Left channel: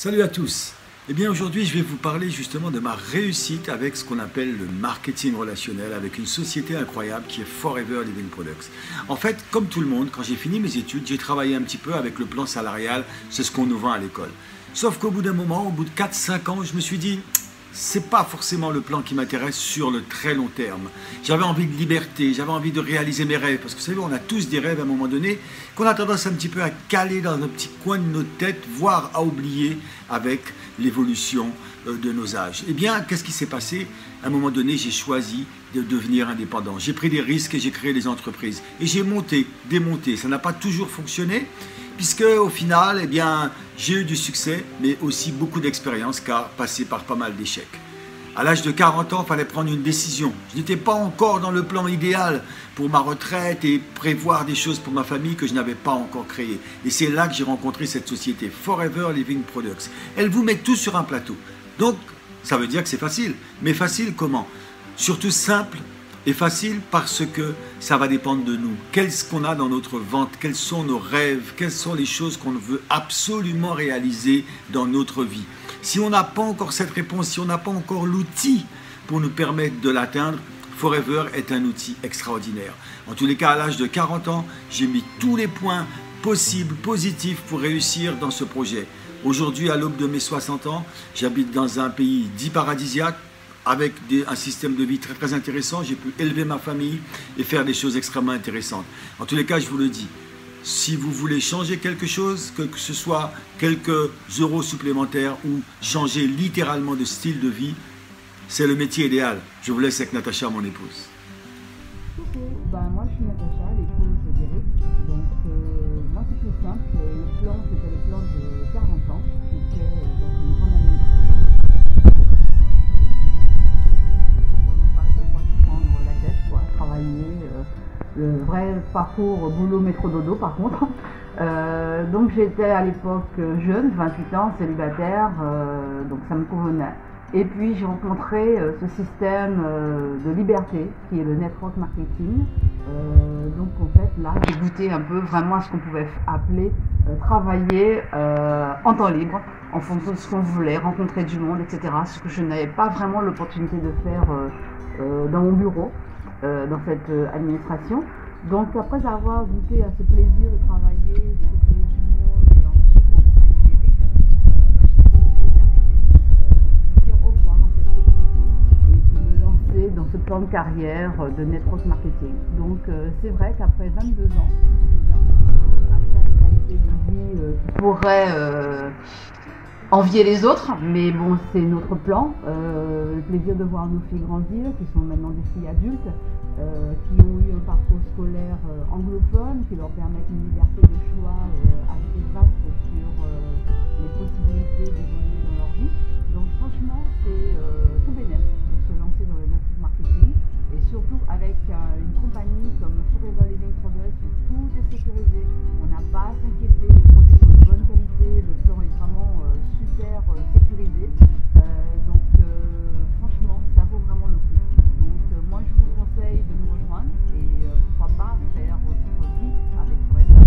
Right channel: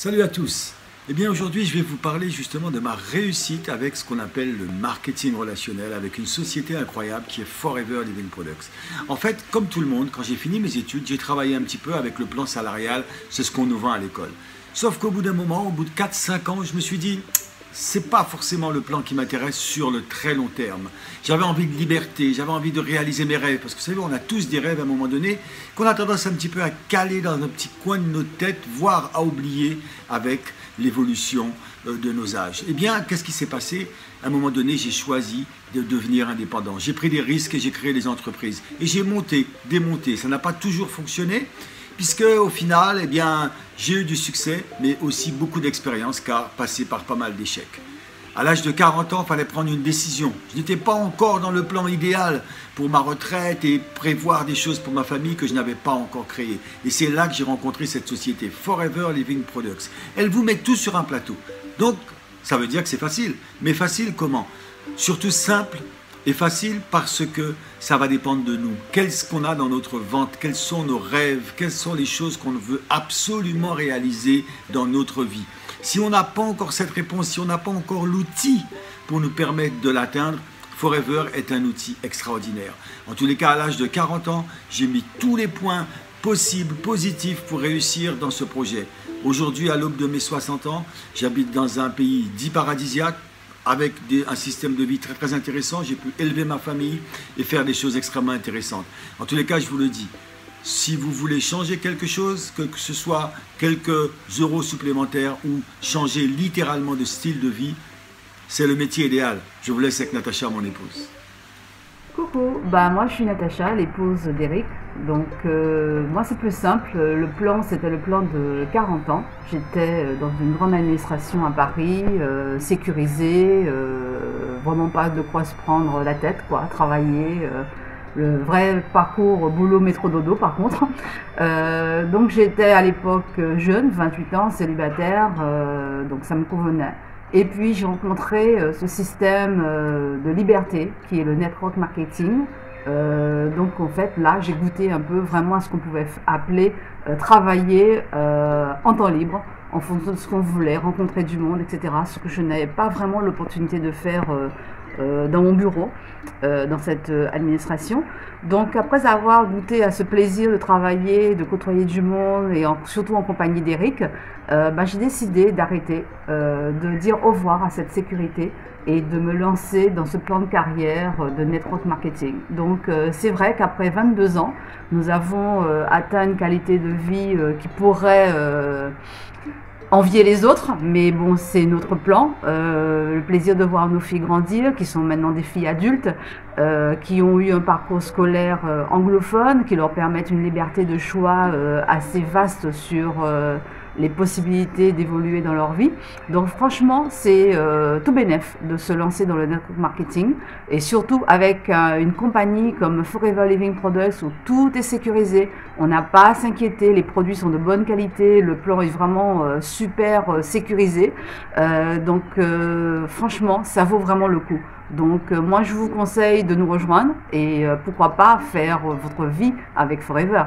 Salut à tous. Eh bien aujourd'hui je vais vous parler justement de ma réussite avec ce qu'on appelle le marketing relationnel avec une société incroyable qui est Forever Living Products. En fait, comme tout le monde, quand j'ai fini mes études, j'ai travaillé un petit peu avec le plan salarial, c'est ce qu'on nous vend à l'école. Sauf qu'au bout d'un moment, au bout de 4-5 ans, je me suis dit, c'est pas forcément le plan qui m'intéresse sur le très long terme. J'avais envie de liberté, j'avais envie de réaliser mes rêves, parce que vous savez, on a tous des rêves à un moment donné, qu'on a tendance un petit peu à caler dans un petit coin de notre tête, voire à oublier avec l'évolution de nos âges. Eh bien, qu'est-ce qui s'est passé? À un moment donné, j'ai choisi de devenir indépendant. J'ai pris des risques et j'ai créé des entreprises. Et j'ai monté, démonté. Ça n'a pas toujours fonctionné, puisque au final, eh bien, j'ai eu du succès, mais aussi beaucoup d'expérience, car passé par pas mal d'échecs. À l'âge de 40 ans, il fallait prendre une décision. Je n'étais pas encore dans le plan idéal pour ma retraite et prévoir des choses pour ma famille que je n'avais pas encore créées. Et c'est là que j'ai rencontré cette société, Forever Living Products. Elle vous met tout sur un plateau. Donc, ça veut dire que c'est facile. Mais facile comment? Surtout simple et facile parce que ça va dépendre de nous. Qu'est-ce qu'on a dans notre ventre? Quels sont nos rêves? Quelles sont les choses qu'on veut absolument réaliser dans notre vie? Si on n'a pas encore cette réponse, si on n'a pas encore l'outil pour nous permettre de l'atteindre, Forever est un outil extraordinaire. En tous les cas, à l'âge de 40 ans, j'ai mis tous les points possibles, positifs pour réussir dans ce projet. Aujourd'hui, à l'aube de mes 60 ans, j'habite dans un pays dit paradisiaque, avec un système de vie très très intéressant. J'ai pu élever ma famille et faire des choses extrêmement intéressantes. En tous les cas, je vous le dis, si vous voulez changer quelque chose, que ce soit quelques euros supplémentaires ou changer littéralement de style de vie, c'est le métier idéal. Je vous laisse avec Natacha, mon épouse. Coucou, moi je suis Natacha, l'épouse d'Eric. Donc moi c'est plus simple, le plan c'était le plan de 40 ans. J'étais dans une grande administration à Paris, sécurisée, vraiment pas de quoi se prendre la tête, quoi, travailler. Le vrai parcours boulot métro dodo par contre. Donc j'étais à l'époque jeune, 28 ans, célibataire, donc ça me convenait. Et puis j'ai rencontré ce système de liberté qui est le network marketing. Donc en fait là j'ai goûté un peu vraiment à ce qu'on pouvait appeler travailler en temps libre, en fonction de ce qu'on voulait, rencontrer du monde, etc. Ce que je n'avais pas vraiment l'opportunité de faire dans mon bureau, dans cette administration. Donc après avoir goûté à ce plaisir de travailler, de côtoyer du monde et surtout en compagnie d'Eric, j'ai décidé d'arrêter, de dire au revoir à cette sécurité et de me lancer dans ce plan de carrière de network marketing. Donc c'est vrai qu'après 22 ans, nous avons atteint une qualité de vie qui pourrait envier les autres, mais bon, c'est notre plan. Le plaisir de voir nos filles grandir, qui sont maintenant des filles adultes, qui ont eu un parcours scolaire anglophone, qui leur permettent une liberté de choix assez vaste sur les possibilités d'évoluer dans leur vie. Donc franchement, c'est tout bénef de se lancer dans le network marketing, et surtout avec une compagnie comme Forever Living Products où tout est sécurisé, on n'a pas à s'inquiéter, les produits sont de bonne qualité, le plan est vraiment super sécurisé, donc franchement ça vaut vraiment le coup. Donc moi je vous conseille de nous rejoindre et pourquoi pas faire votre vie avec Forever.